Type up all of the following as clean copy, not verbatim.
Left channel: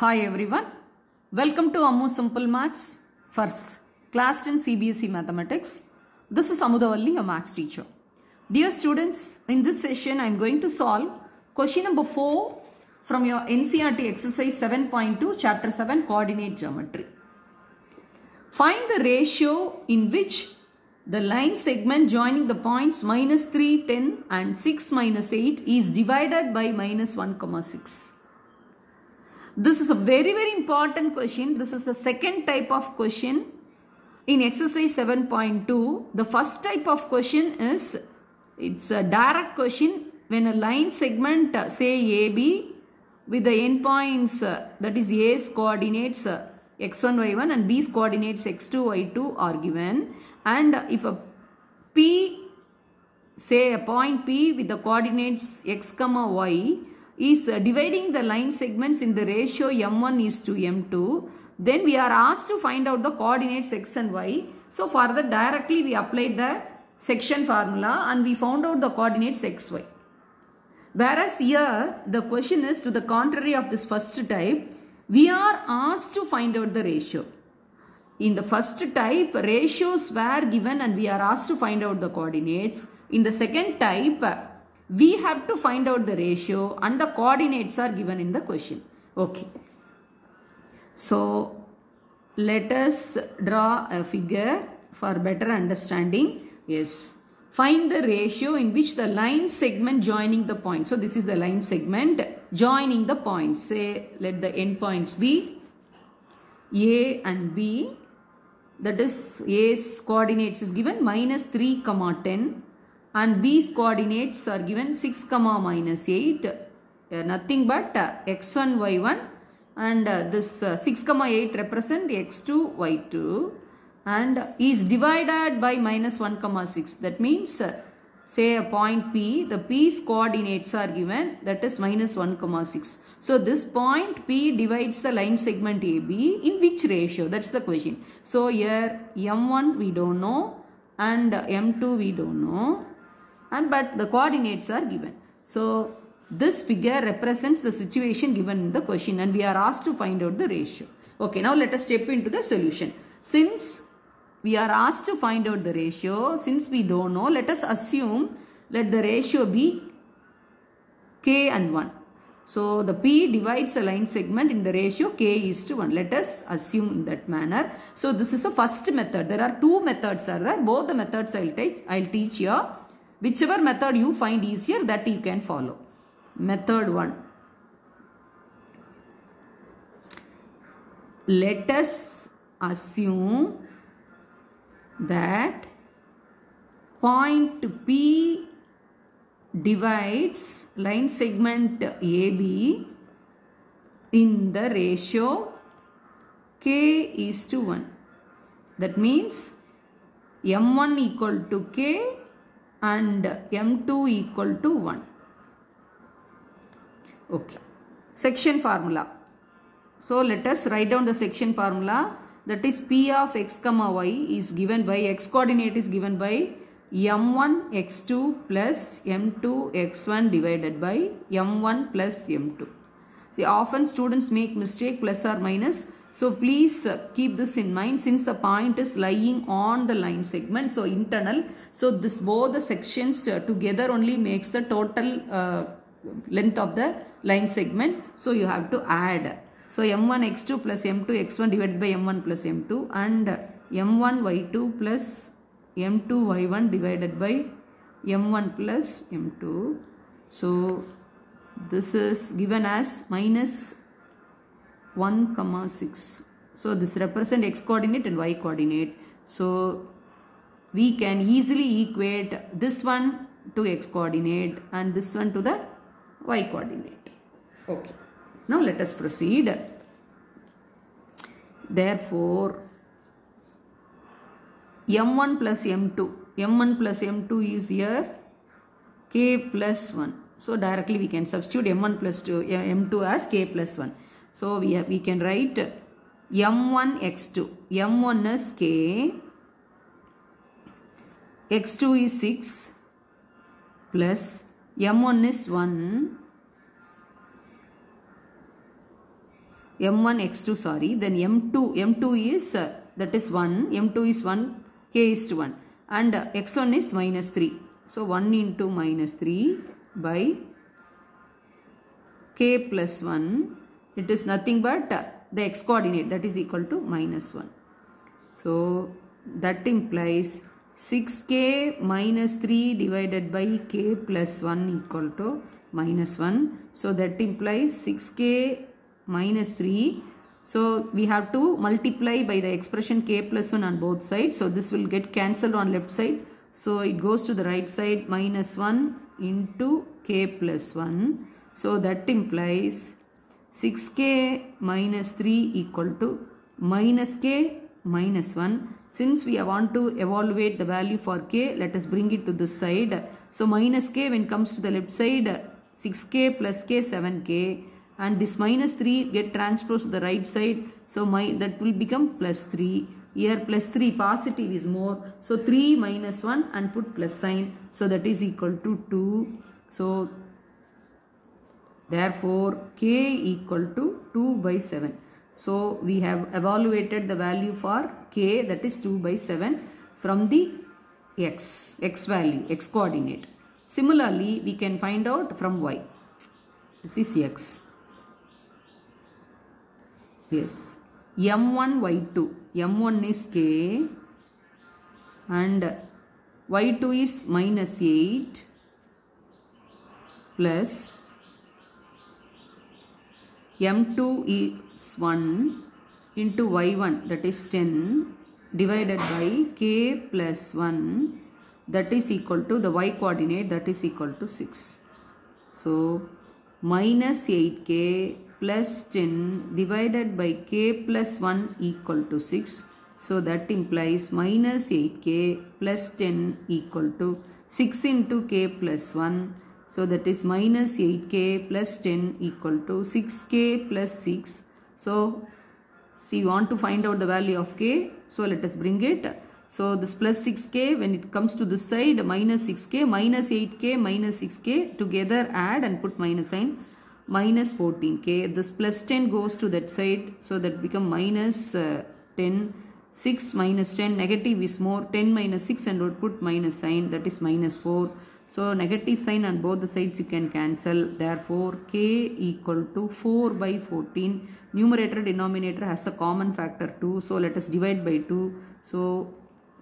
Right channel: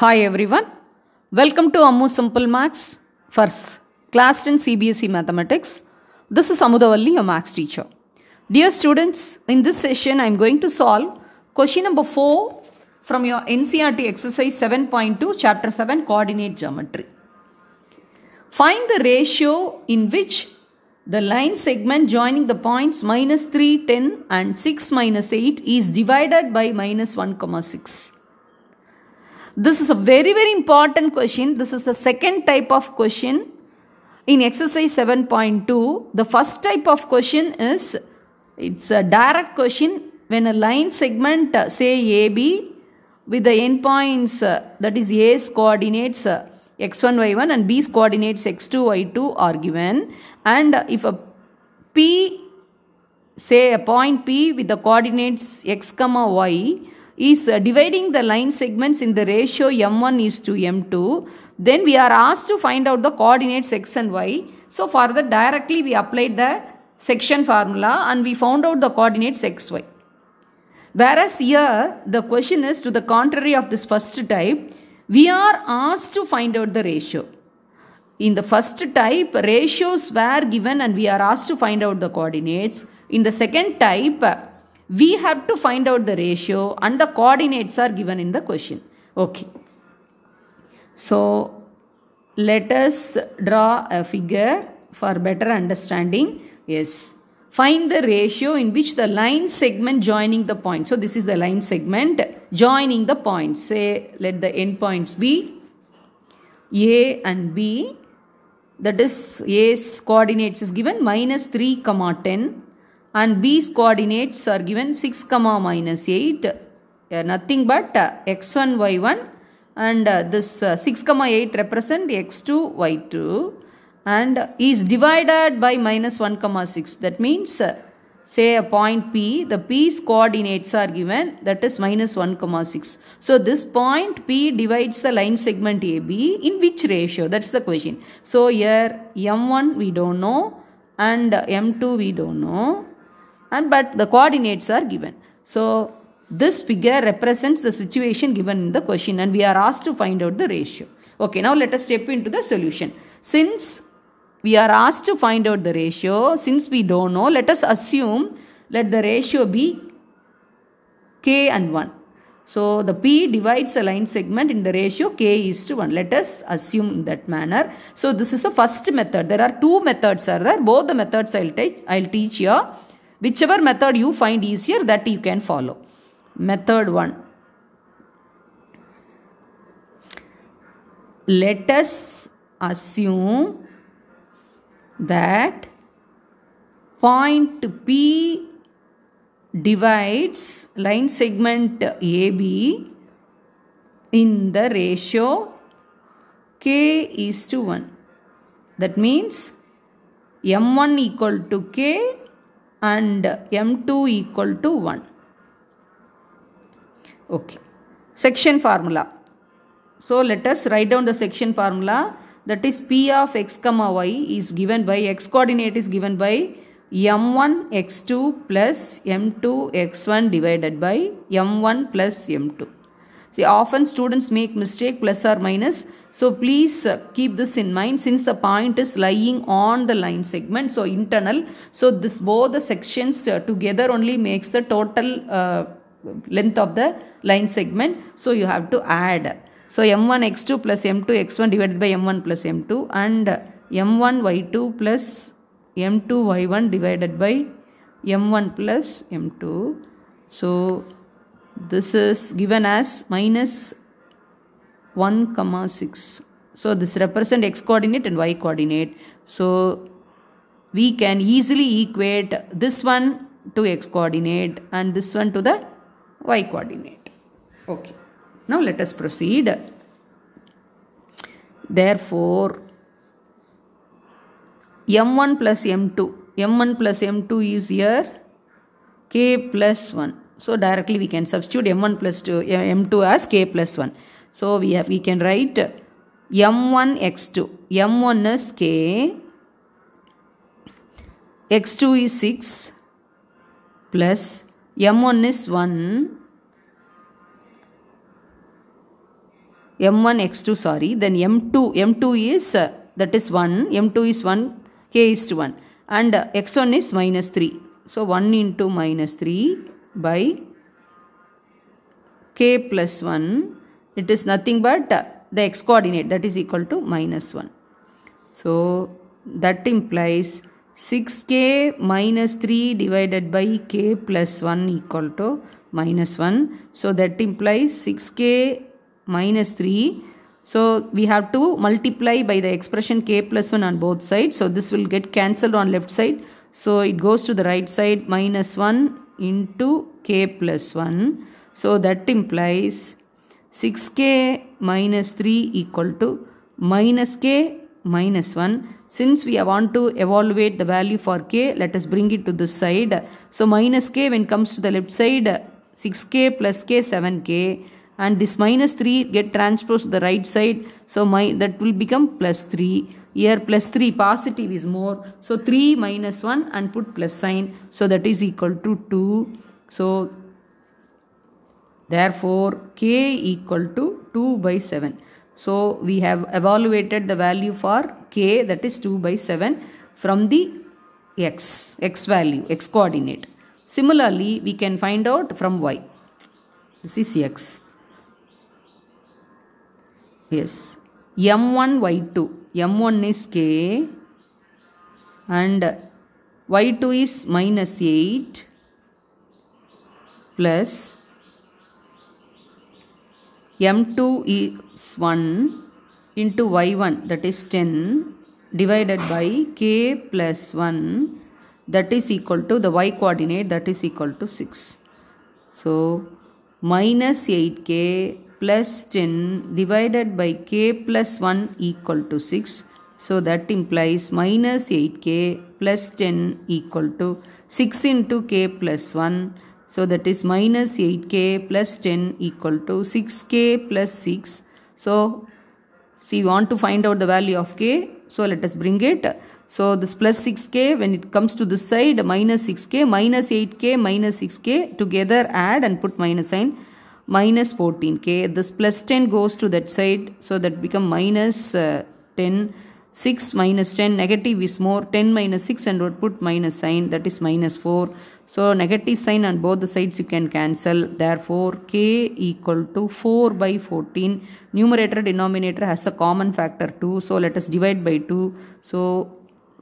Hi everyone, welcome to Ammu Simple Maths for class 10 CBSE Mathematics. This is Amudavalli, your maths teacher. Dear students, in this session I am going to solve question number 4 from your NCERT exercise 7.2 chapter 7 coordinate geometry. Find the ratio in which the line segment joining the points minus 3, 10 and 6 minus 8 is divided by minus 1, 6. This is a very important question. This is the second type of question in exercise 7.2. The first type of question is, it's a direct question when a line segment say AB with the endpoints that is A's coordinates x1, y1 and B's coordinates x2, y2 are given, and if a P, say a point P with the coordinates x, y is dividing the line segments in the ratio m1 is to m2, then we are asked to find out the coordinates x and y. So for that directly we applied the section formula and we found out the coordinates x, y. Whereas here the question is to the contrary of this first type, we are asked to find out the ratio. In the first type, ratios were given and we are asked to find out the coordinates. In the second type, we have to find out the ratio and the coordinates are given in the question. Okay. So, let us draw a figure for better understanding. Yes. Find the ratio in which the line segment joining the point. So, this is the line segment joining the points. Say, let the endpoints be A and B. That is, A's coordinates is given minus 3, 10. And B's coordinates are given 6, minus 8, nothing but x1, y1, and this 6, 8 represent x2, y2, and is divided by minus 1, 6. That means, say a point P, the P's coordinates are given, that is minus 1, 6. So this point P divides the line segment AB in which ratio? That's the question. So here M1 we don't know and M2 we don't know. But the coordinates are given. So this figure represents the situation given in the question and we are asked to find out the ratio. Okay, now let us step into the solution. Since we are asked to find out the ratio, since we don't know, let us assume let the ratio be K and 1. So the P divides a line segment in the ratio K is to 1. Let us assume in that manner. So this is the first method. There are two methods are there. Both the methods I'll teach here. Whichever method you find easier, that you can follow. Method 1. Let us assume that point P divides line segment AB in the ratio K is to 1. That means M1 equal to K and M2 equal to 1. Okay. Section formula. So let us write down the section formula. That is P of x, y is given by, x coordinate is given by M1 x2 plus M2 x1 divided by M1 plus M2. See, often students make mistake plus or minus. So please keep this in mind since the point is lying on the line segment. So internal. So this both the sections together only makes the total length of the line segment. So you have to add. So M1 x2 plus M2 x1 divided by M1 plus M2 and M1 y2 plus M2 y1 divided by M1 plus M2. So this is given as minus 1, 6. So this represent x coordinate and y coordinate. So we can easily equate this one to x coordinate and this one to the y coordinate. Okay. Now let us proceed. Therefore, M1 plus M2. M1 plus M2 is here K plus 1. So directly we can substitute M1 plus M2 as K plus 1. So we can write M1 x2. M1 is K. X2 is 6 plus M1 is 1 m1 x2 sorry, then m2 is that is 1, m2 is 1, k is to 1, and x1 is minus 3. So 1 into minus 3 by k plus 1, it is nothing but the x coordinate, that is equal to minus 1. So that implies 6k minus 3 divided by k plus 1 equal to minus 1. So that implies 6k minus 3. So we have to multiply by the expression k plus 1 on both sides. So this will get cancelled on left side. So it goes to the right side, minus 1 into k plus 1. So that implies 6k minus 3 equal to minus k minus 1. Since we want to evaluate the value for k, let us bring it to this side. So minus k when comes to the left side, 6k plus k 7k, and this minus 3 get transposed to the right side. So that will become plus 3. Here plus 3 positive is more. So 3 minus 1 and put plus sign. So that is equal to 2. So therefore k equal to 2 by 7. So we have evaluated the value for k, that is 2 by 7 from the x value, x coordinate. Similarly, we can find out from y. This is x. Yes. m1 y2. m1 is k and y2 is minus 8 plus m2 is 1 into y1, that is 10, divided by k plus 1, that is equal to the y coordinate, that is equal to 6. So minus 8k plus 10 divided by k plus 1 equal to 6. So that implies minus 8k plus 10 equal to 6 into k plus 1. So that is minus 8k plus 10 equal to 6k plus 6. So see, we want to find out the value of k. So let us bring it. So this plus 6k, when it comes to this side, minus 6k, minus 8k, minus 6k, together add and put minus sign, minus 14k. This plus 10 goes to that side. So that become minus 10. 6 minus 10, negative is more. 10 minus 6 and would put minus sign, that is minus 4. So negative sign on both the sides you can cancel. Therefore k equal to 4 by 14. Numerator denominator has a common factor 2. So let us divide by 2. So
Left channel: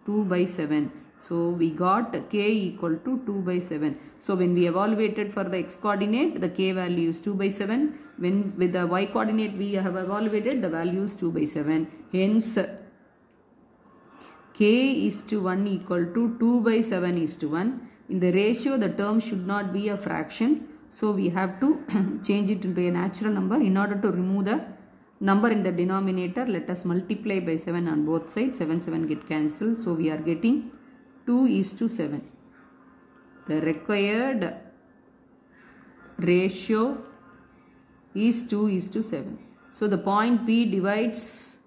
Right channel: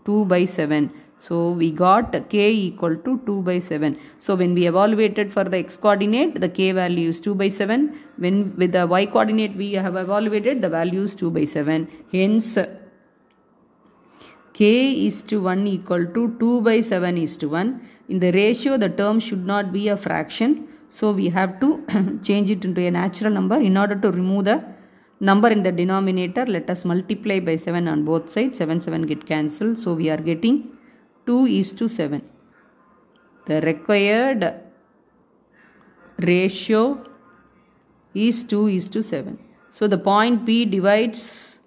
2 by 7. So we got k equal to 2 by 7. So when we evaluated for the x coordinate, the k value is 2 by 7. When with the y coordinate we have evaluated, the value is 2 by 7. Hence k is to 1 equal to 2 by 7 is to 1. In the ratio, the term should not be a fraction. So we have to change it into a natural number. In order to remove the number in the denominator, let us multiply by 7 on both sides. 7 get cancelled. So we are getting 2 is to 7. The required ratio is 2 is to 7. So the point P divides,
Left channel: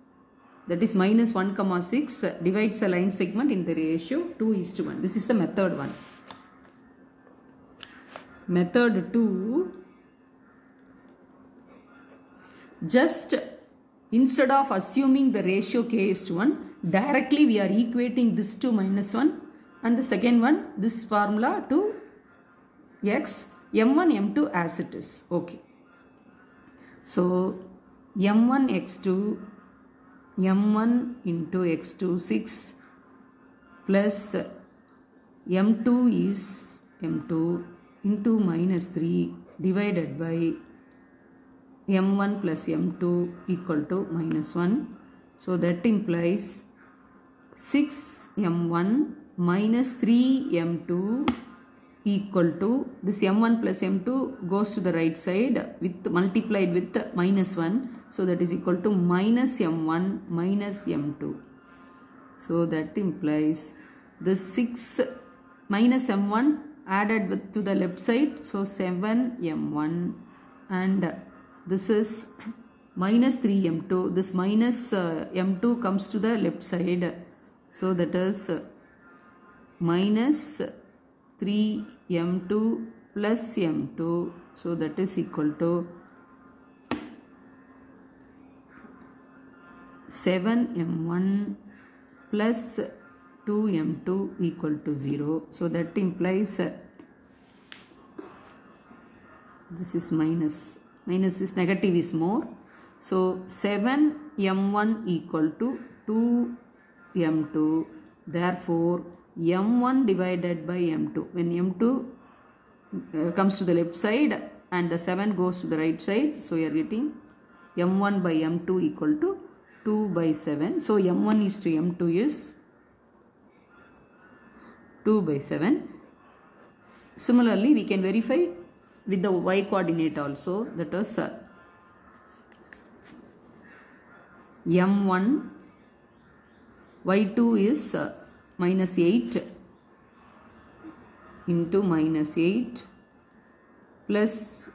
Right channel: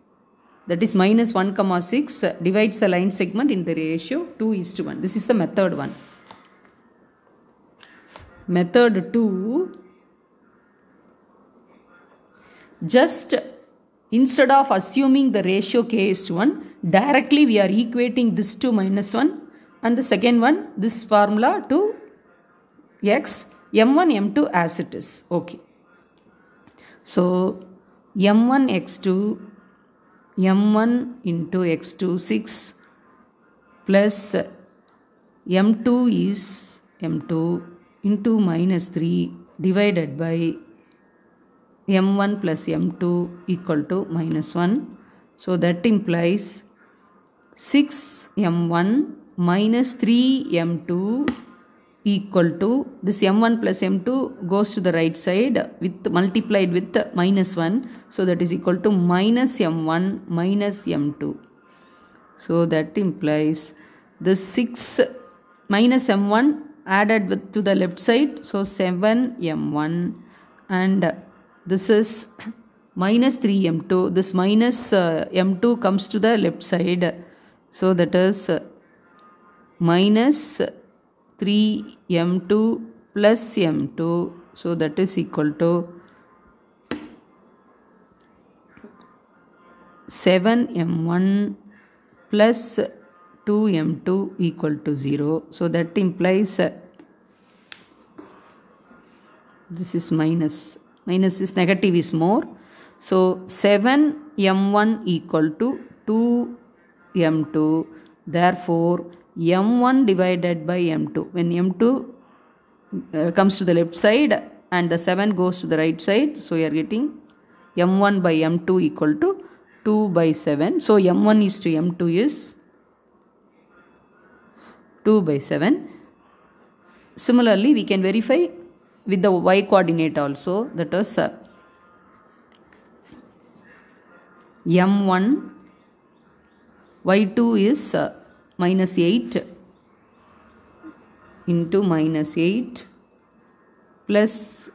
that is minus 1 comma 6, divides a line segment in the ratio 2 is to 1. This is the method 1. Method 2, just instead of assuming the ratio k is to 1, directly we are equating this to minus 1 and the second one, this formula to x, m1, m2 as it is. Okay. So m1 x2, m1 into x2 6 plus m2 is m2 into minus 3 divided by m1 plus m2 equal to minus 1. So that implies 6m1 minus 3m2 equal to, this m1 plus m2 goes to the right side with multiplied with minus 1. So that is equal to minus m1 minus m2. So that implies the 6 minus m1 added with to the left side. So 7m1 and this is minus 3m2. This minus m2 comes to the left side. So that is minus 3m2 plus m2. So that is equal to 7m1 plus 2m2 equal to 0. So that implies this is minus. Minus is negative is more. So 7m1 equal to 2m2. Therefore, m1 divided by m2. When m2 comes to the left side and the 7 goes to the right side, so you are getting m1 by m2 equal to 2 by 7. So m1 is to m2 is 2 by 7. Similarly, we can verify with the y coordinate also, that is m1 y2 is minus 8 into minus 8 plus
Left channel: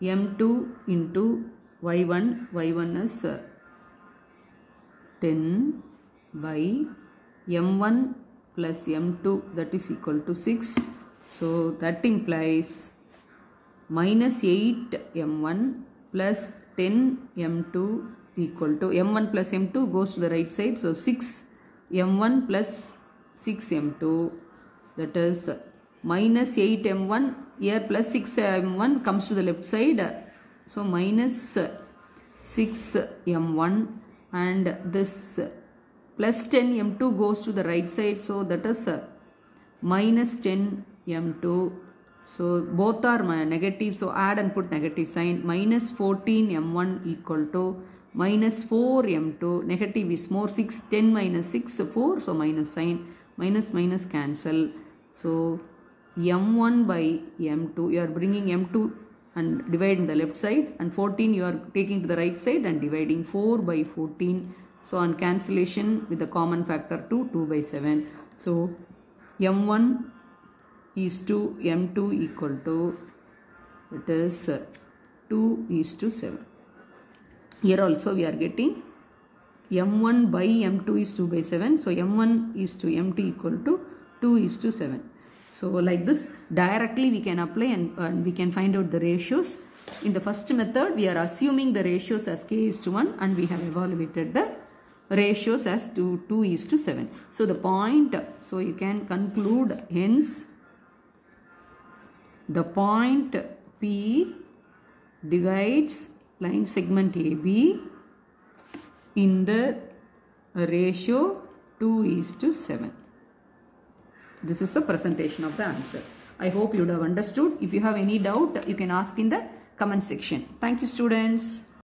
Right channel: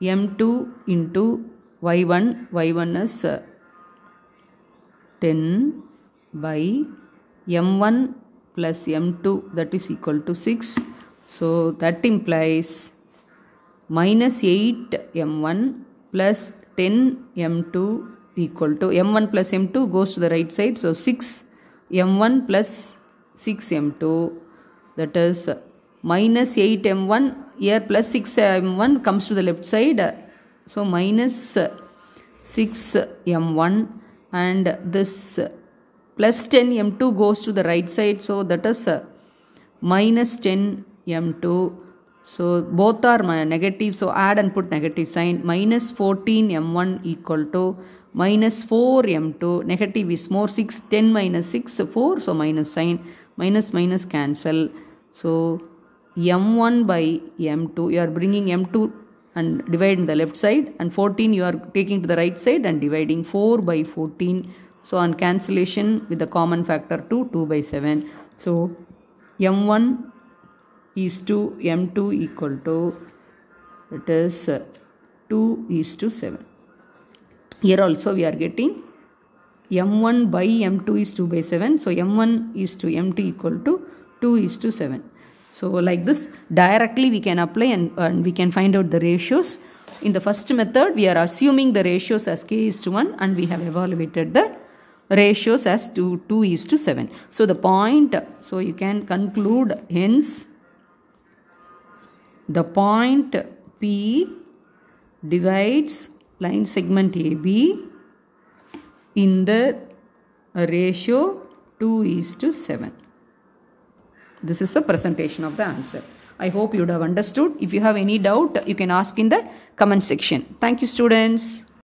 m2 into y1 is 10 by m1 plus m2, that is equal to 6. So that implies minus 8 m1 plus 10 m2 equal to m1 plus m2 goes to the right side. So 6 m1 plus 6 m2, that is minus 8 m1 here plus 6 m1 comes to the left side. So minus 6 m1 and this plus 10 m2 goes to the right side. So that is minus 10 m2. So both are negative. So add and put negative sign. Minus 14 m1 equal to minus 4 m2. Negative is more. 6, 10 minus 6, 4. So minus sign. Minus minus cancel. So m1 by m2. You are bringing m2 and dividing the left side. And 14 you are taking to the right side and dividing 4 by 14. So on cancellation with the common factor 2 by 7. So m1 is to m2 equal to, it is 2 is to 7. Here also we are getting m1 by m2 is 2 by 7. So m1 is to m2 equal to 2 is to 7. So like this directly we can apply and we can find out the ratios. In the first method we are assuming the ratios as k is to 1 and we have evaluated the ratios as 2 is to 7. So the point, so you can conclude hence the point P divides line segment AB in the ratio 2 is to 7. This is the presentation of the answer. I hope you would have understood. If you have any doubt, you can ask in the comment section. Thank you, students.